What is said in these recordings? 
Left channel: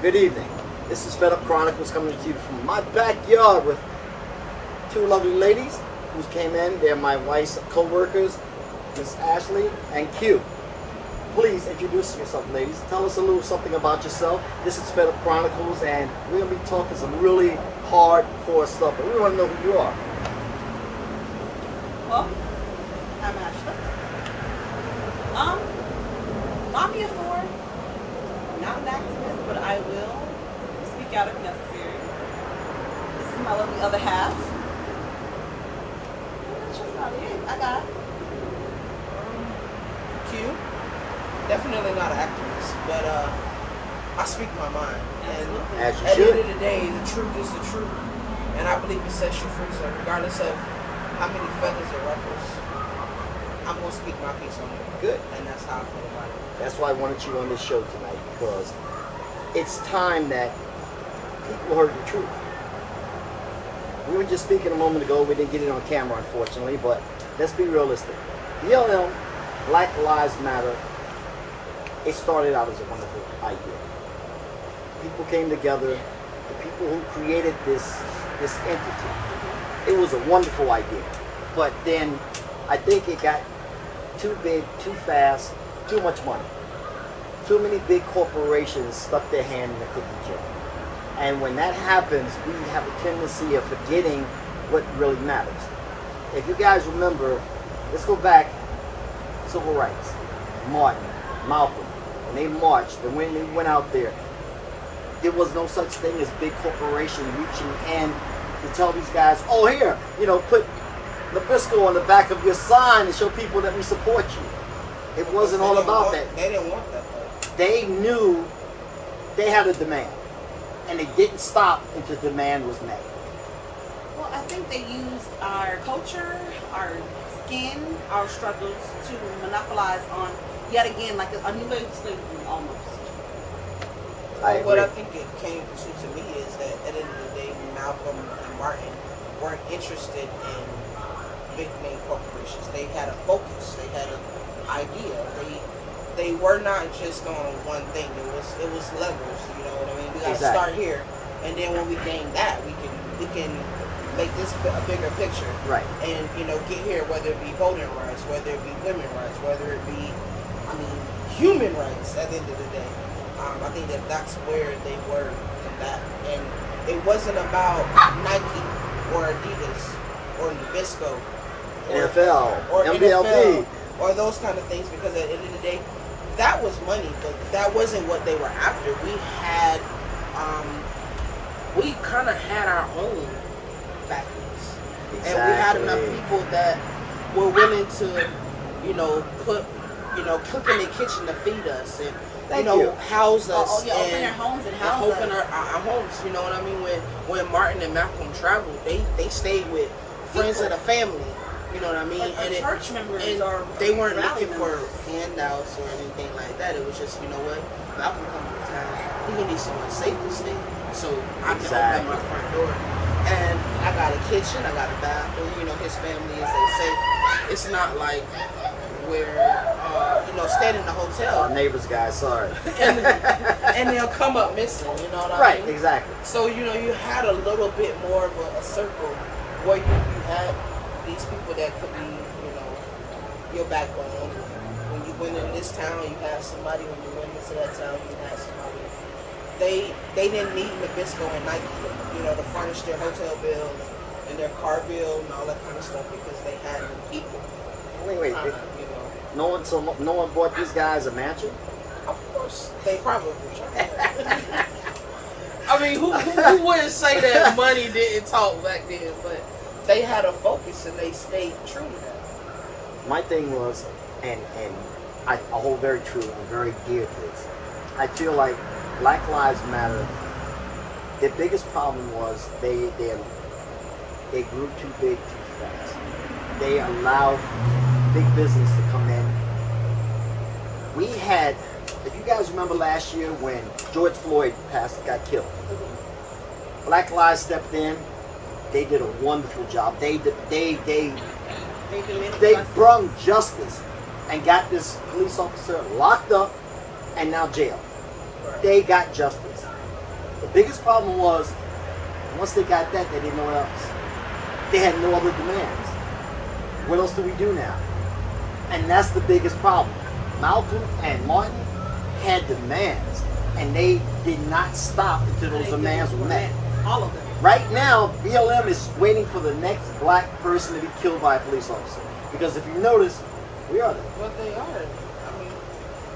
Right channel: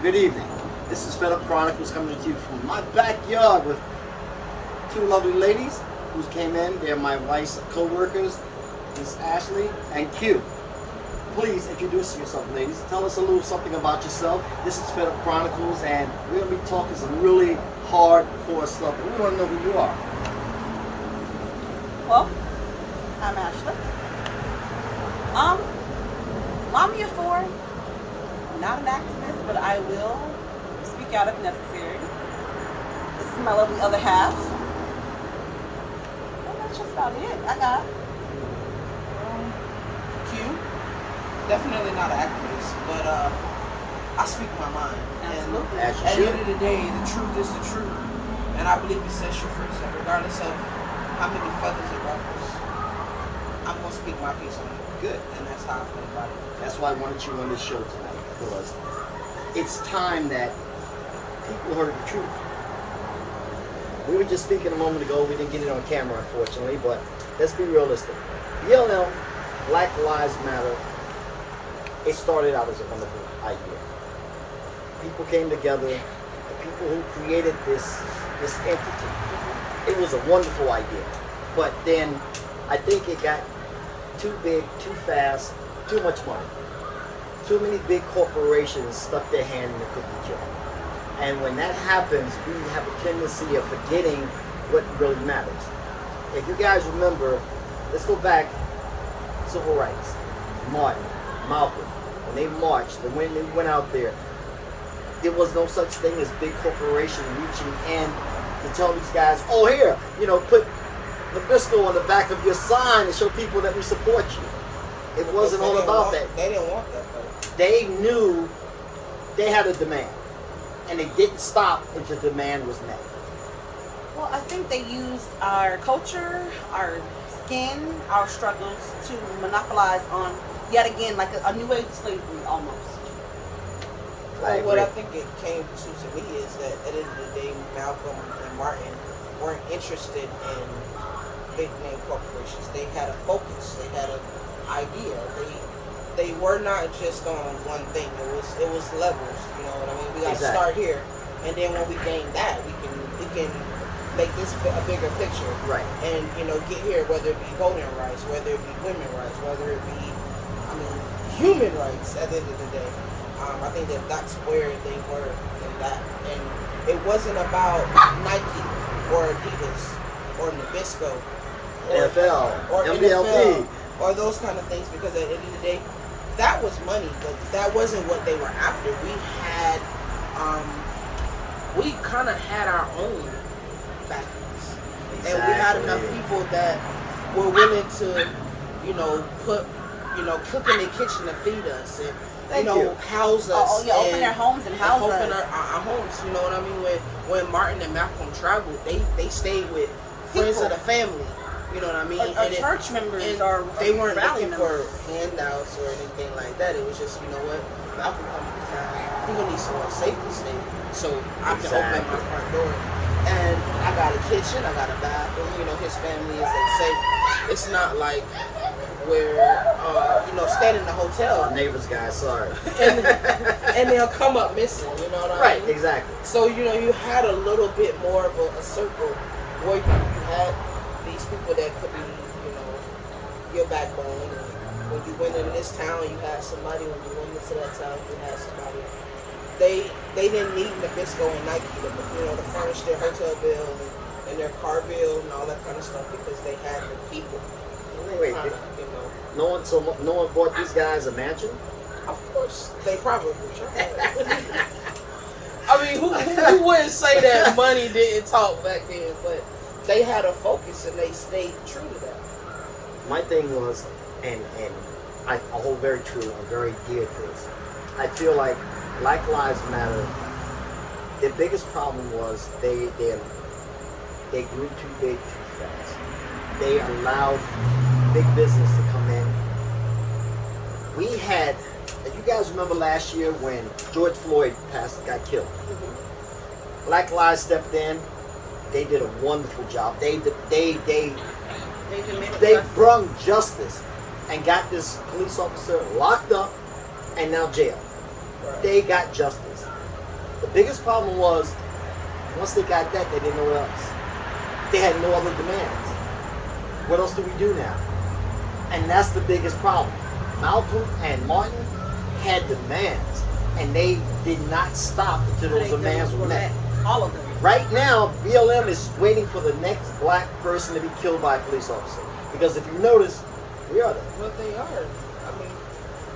Good evening. This is Fed Up Chronicles coming to you from my backyard with two lovely ladies who came in. They're my wife's co-workers, Miss Ashley and Q. Please introduce yourself, ladies. Tell us a little something about yourself. This is Fed Up Chronicles, and we're going to be talking some really hardcore stuff, but we want to know who you are. Well, I'm Ashley. I'm here for, not an activist, but I will speak out if necessary. This is my lovely other half. And that's just about it. I got Q. Definitely not an activist, but I speak my mind. Absolutely. As And you at the should. end of the day, the truth is the truth. And I believe it sets you free. So regardless of how many feathers it ruffles, I'm going to speak my piece on it. Good. And that's how I feel about it. That's why I wanted you on this show tonight, because it's time that people heard the truth. We were just speaking a moment ago. We didn't get it on camera, unfortunately, but let's be realistic. BLM, Black Lives Matter, it started out as a wonderful idea. People came together, the people who created this entity. It was a wonderful idea. But then I think it got too big, too fast, too much money. Too many big corporations stuck their hand in the cookie jar. And when that happens, we have a tendency of forgetting what really matters. If you guys remember, let's go back, civil rights, Martin, Malcolm, when they marched and when they went out there was no such thing as big corporation reaching in to tell these guys, oh here, put Nabisco on the back of your sign and show people that we support you. It wasn't all about that. They didn't want that, though. They knew they had a demand, and they didn't stop until the demand was met. Well, I think they used our culture, our skin, our struggles to monopolize on, yet again, like a new age slavery almost. Well, what I think it came to me is that at the end of the day, Malcolm and Martin weren't interested in big name corporations. They had a focus. They had an idea. They were not just on one thing. It was levels. You know what I mean? We got to start here, and then when we gain that, we can make this a bigger picture. Right. And get here, whether it be voting rights, whether it be women rights, whether it be, human rights. At the end of the day. I think that's where they were in that. And it wasn't about Nike or Adidas or Nabisco or NFL, or MLB. NFL or those kind of things, because at the end of the day, that was money, but that wasn't what they were after. We kind of had our own factories. Exactly. And we had enough people that were willing to, put, cook in the kitchen to feed us and house us. Open their homes and house us. Open our homes. You know what I mean? When Martin and Malcolm traveled, they stayed with friends of the family. You know what I mean? Or church members. And they weren't rally looking members. for handouts or anything like that. It was just, you know what? Malcolm comes to town. He gonna need somewhere safe to stay, so I can open my front door. And I got a kitchen. I got a bathroom. His family, as they say, it's not like where staying in the hotel. Our neighbors, guys, sorry. and they'll come up missing, you know what I mean? Right, exactly. So, you had a little bit more of a circle where you had these people that could be, your backbone. And when you went into this town, you had somebody. When you went into that town, you had somebody. They didn't need Nabisco and Nike to furnish their hotel bill and their car bill and all that kind of stuff, because they had the people. Wait. No one bought these guys a mansion? Of course, they probably tried. Who wouldn't say that money didn't talk back then? But they had a focus and they stayed true to that. My thing was, and I hold very true and very dear to this. I feel like Black Lives Matter. The biggest problem was they grew too big too fast. They allowed big business to come in. We had, if you guys remember last year when George Floyd got killed, Black Lives stepped in. They did a wonderful job. They brung justice and got this police officer locked up and now jailed. Right. They got justice. The biggest problem was once they got that, they didn't know what else. They had no other demands. What else do we do now? And that's the biggest problem. Malcolm and Martin had demands, and they did not stop until those demands were met. All of them. Right now, BLM is waiting for the next black person to be killed by a police officer. Because if you notice, we are them. Well, they are. I mean,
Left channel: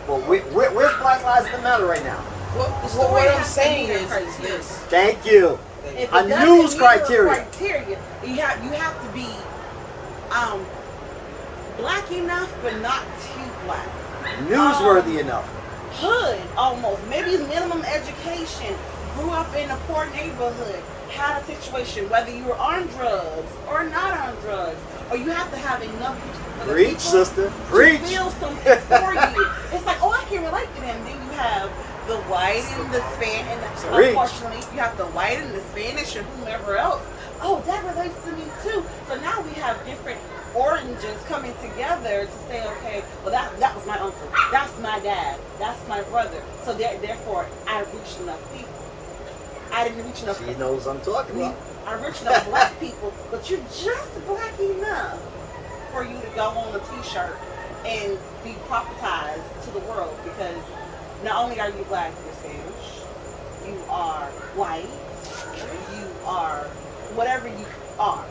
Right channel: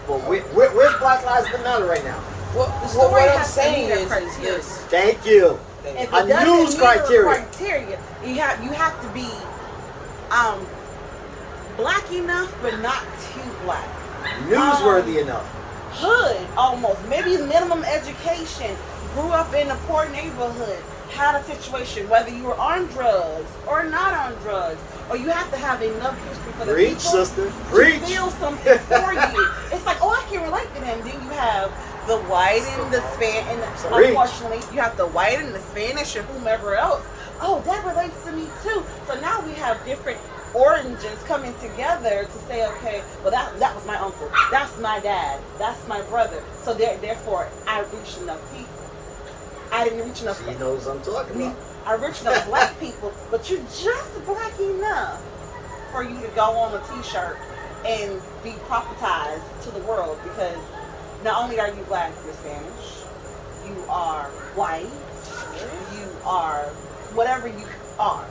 Well, where's Black Lives Matter right now? what story I'm has to saying meet a is criteria. this. Thank you. If A it doesn't news meet a criteria. you have to be black enough, but not too black. Newsworthy enough. Hood almost, maybe minimum education, grew up in a poor neighborhood, had a situation, whether you were on drugs or not on drugs, or you have to have enough history for the Preach, people sister. to Preach. feel something for you. It's like, oh, I can relate to them. Then you have the white and the Spanish, and Preach. unfortunately, you have the white and the Spanish and whomever else. Oh, that relates to me too. So now we have different origins coming together to say, okay, well that was my uncle, that's my dad, that's my brother. So therefore, I reached enough people. I didn't reach enough. She knows what I'm talking about. I reached enough black people, but you're just black enough for you to go on a T-shirt and be prophetized to the world, because not only are you black, you're Spanish, you are white, you are whatever you are.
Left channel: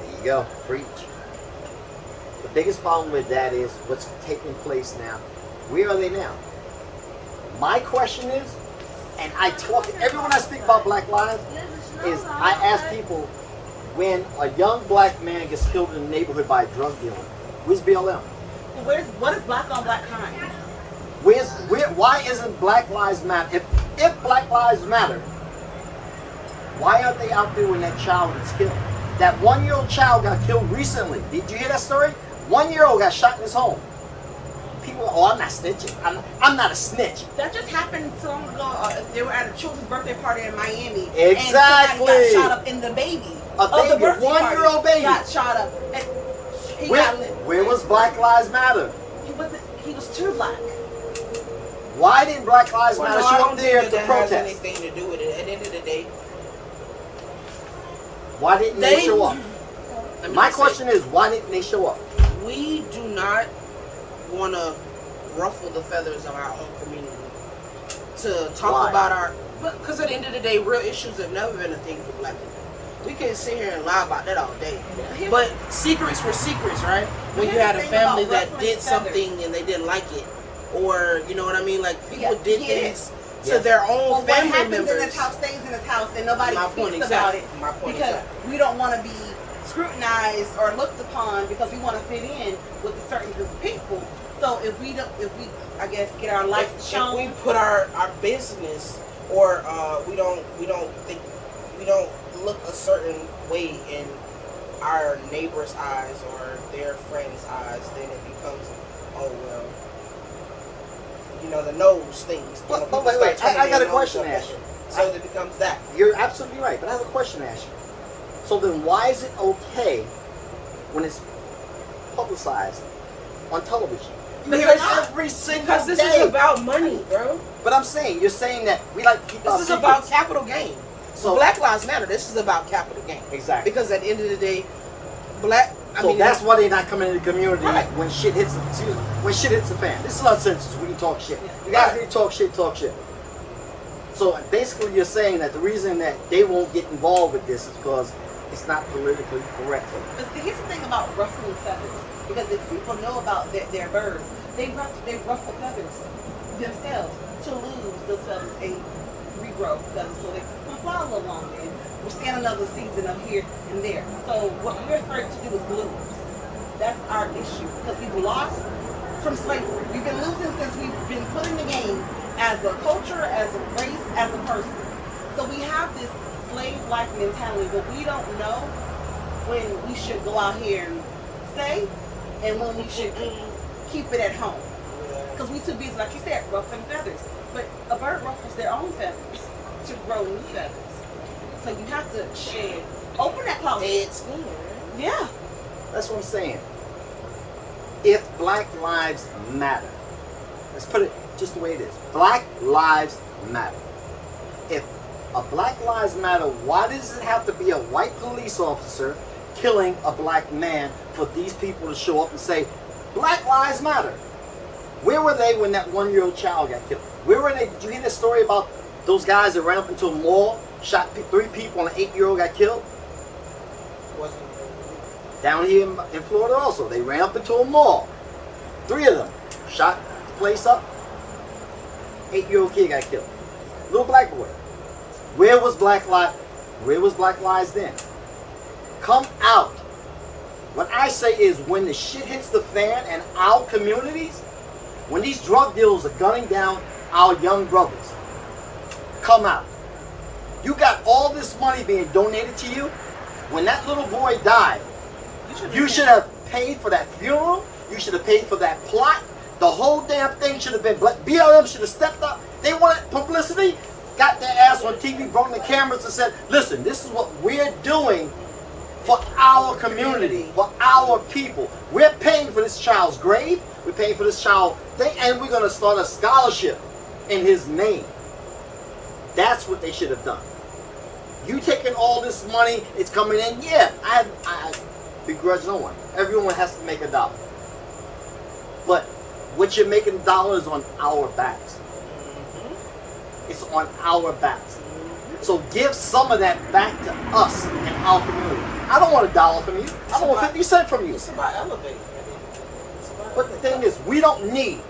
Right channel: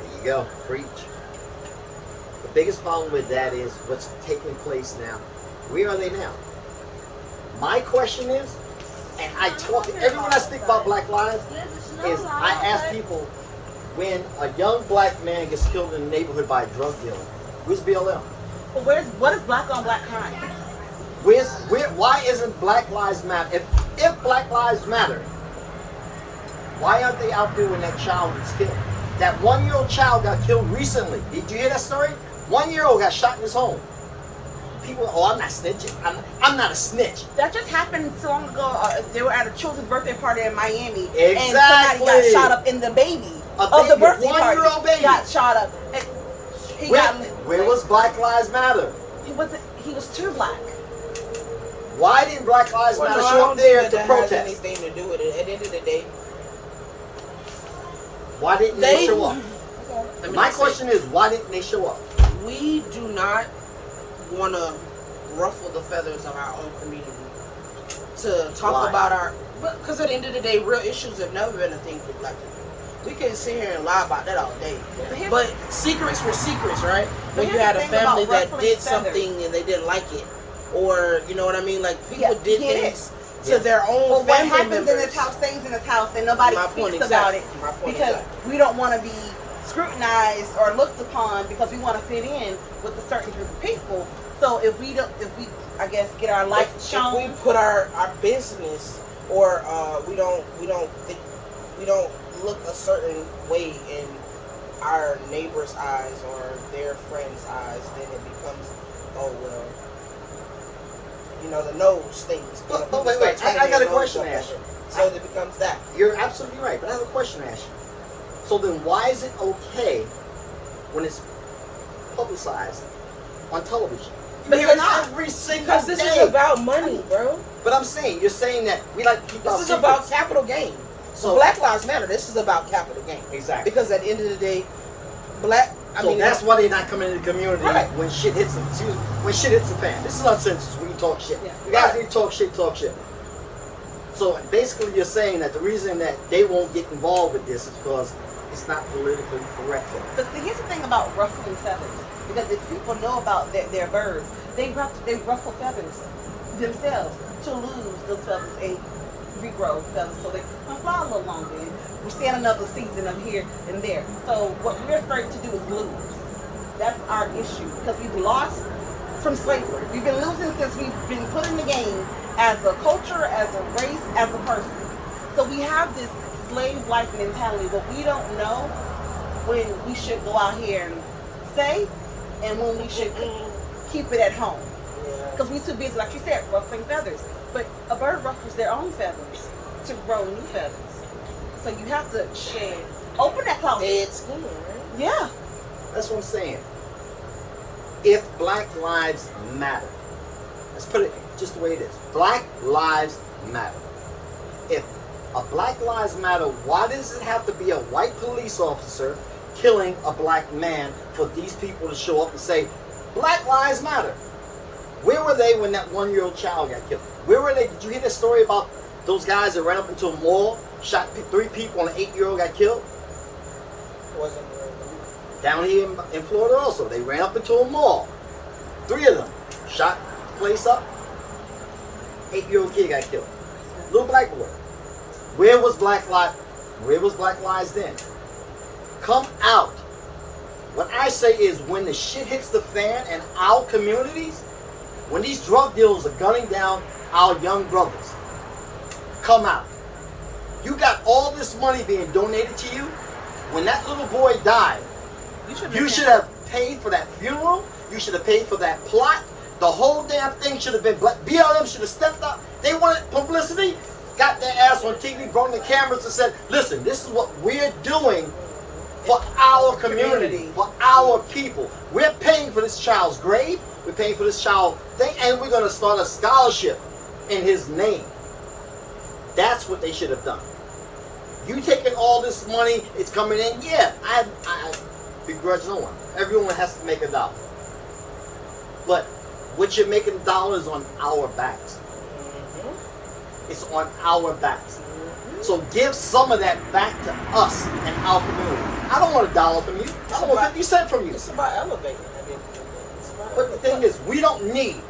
There you go. Preach. The biggest problem with that is what's taking place now. Where are they now? My question is, and I talk to everyone I speak about Black Lives, is I ask people, when a young black man gets killed in the neighborhood by a drug dealer, where's BLM? Well, what is black on black crime? Why isn't Black Lives Matter? If Black Lives Matter, why aren't they out there when that child gets killed? That 1-year-old child got killed recently. Did you hear that story? 1-year-old got shot in his home. People, oh, I'm not snitching. I'm not a snitch. That just happened so long ago. They were at a children's birthday party in Miami, Exactly. and somebody got shot up in the baby of the birthday party. 1-year-old baby got shot up. And where was Black Lives Matter? He was too black. Why didn't Black Lives Well, Matter no, I show don't up there think to that has protest? anything to do with it. At the end of the day, Why didn't they They- show up? let me My not say- question is, why didn't they show up? we do not want to ruffle the feathers of our own community to talk Why? about our, because at the end of the day, real issues have never been a thing for black people. We can sit here and lie about that all day, but secrets were secrets, right? When But you here's had the a thing family about that ruffling did feathers. something and they didn't like it, or you know what I mean, like people Yeah, did yeah. things to Yes. their own Well, what family happens members. in this house stays in this house, and nobody My speaks point about exactly. it My point because exactly. we don't want to be scrutinized or looked upon because we want to fit in with a certain group of people. So if we I guess get our life If shown, we put our business or we don't look a certain way in our neighbor's eyes or their friend's eyes, then it becomes, oh well, you know, the nose things. You know, But people wait, start wait, I turning got their a nose question up to at ask it. you. So it becomes that. You're absolutely right, but I have a question to ask you. So then why is it okay when it's publicized on television? Because every single Because this day. is about money, bro. But I'm saying, you're saying that we like to keep our This is secrets. about capital gain. So Black Lives Matter. This is about capital gain. exactly. Because at the end of the day, That's why they're not coming in the community Right. when shit hits the when shit hits the fan. This is not census. We can talk shit. Yeah. You guys need to talk shit, talk shit. So basically, you're saying that the reason that they won't get involved with this is because it's not politically correct for them. but see, here's the thing about ruffling feathers. Because if people know about their birds, they ruffle feathers themselves to lose those feathers and regrow feathers so they can fly a little longer and withstand another season of here and there. So what we're afraid to do is lose. That's our issue because we've lost from slavery. We've been losing since we've been put in the game as a culture, as a race, as a person. So we have this slave-like mentality, but we don't know when we should go out here and say and when we should keep it at home. Yeah. Because we too busy, like you said, ruffling feathers. But a bird ruffles their own feathers to grow new feathers. So you have to shed. Open that closet. Dead skin, right? Yeah. That's what I'm saying. If Black Lives Matter, let's put it just the way it is. Black Lives Matter. if a Black Lives Matter, why does it have to be a white police officer killing a black man for these people to show up and say, Black Lives Matter? Where were they when that 1-year-old child got killed? Where were they? Did you hear the story about those guys that ran up into a mall, shot 3 people, and an 8-year-old got killed? Wasn't really. Down here in Florida also, they ran up into a mall. 3 of them shot the place up. 8-year-old kid got killed. Little black boy. Where was Black Lives then? Come out. What I say is, when the shit hits the fan in our communities, when these drug dealers are gunning down our young brothers, come out. You got all this money being donated to you. When that little boy died, you should have paid for that funeral. You should have paid for that plot. The whole damn thing should have been. BLM should have stepped up. They wanted publicity. Got their ass on TV, brought the cameras and said, listen, this is what we're doing for our community, for our people. We're paying for this child's grave. We're paying for this child thing, and we're going to start a scholarship in his name. That's what they should have done. You taking all this money, it's coming in. Yeah, I begrudge no one. Everyone has to make a dollar. But what you're making dollars on our backs. It's on our backs. So give some of that back to us and our community. I don't want $1 from you. I don't want 50 cents from you. It's about elevating. At the end of the day. It's about But the elevating. thing is, we don't need